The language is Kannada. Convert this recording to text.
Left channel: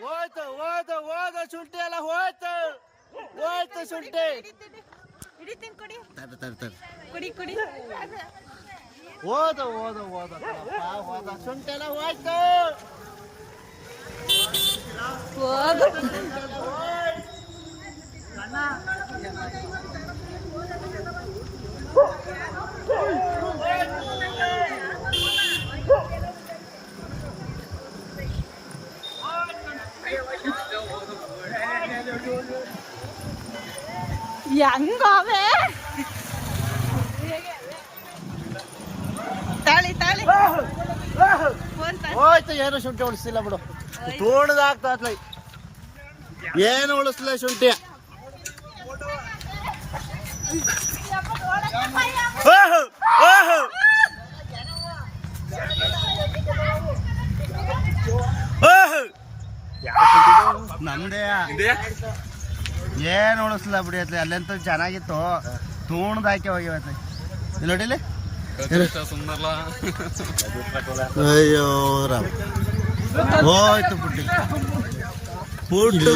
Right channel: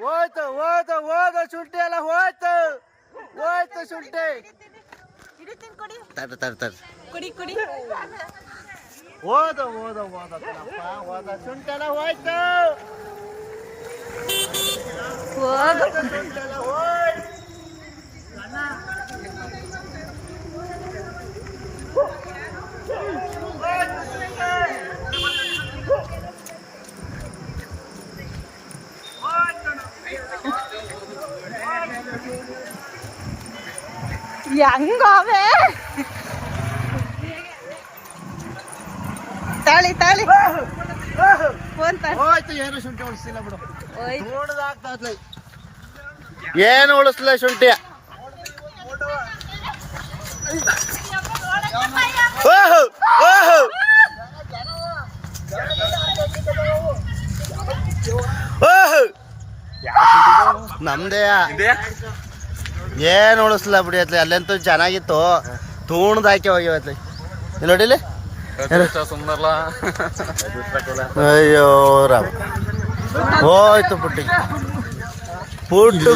ಹೋಯ್ತು ಹೋಯ್ತು ಹೋದ ಶುಂಠಿ ಎಲ್ಲ ಹೋಯ್ತು ಹೋಯ್ತು ಶುಂಠಿ. ಹಿಡಿತೀನಿ ಕೊಡಿ. ತಡ ತಡ ತಡ. ಕೊಡಿ ಕೊಡಿ. ಹೋದ ಹೋದ ಹೋದ ಕಣಪ್ಪ ಹೋದ ಶುಂಠಿ ಎಲ್ಲ ಹೋಯ್ತು. ಹೋದ. ಹೆಂಗೋವೆ ತಾಳಿ ತಾಳಿ ಹೋಯ್ತು. ಏನು ಶುಂಠಿ ಉಳಿಸಿಲ್ಲ ಬಿಡು. ತೋಣದಾಗ್ತದೆ ಏನು ಉಳಿಸ್ಲ ಶುಂಠಿ. ನಮ್ದೇ ಏನು ಉಳಿಸ್ಲ ಬಿಡಿ ಅತ್ಲಿ. ಅಲ್ಲೆಂತೂ ಚೆನ್ನಾಗಿತ್ತು, ತೂಣದಾಕಿ ಹೋಗಿವತ್ಲಿ. ಇಲ್ಲಿ ನೋಡಿಲಿ. ಅಯ್ಯೋ ರಾಮ್ ಹೋಯ್ತು ಪುಟ್ಟಿ ಪುಟ್ಟು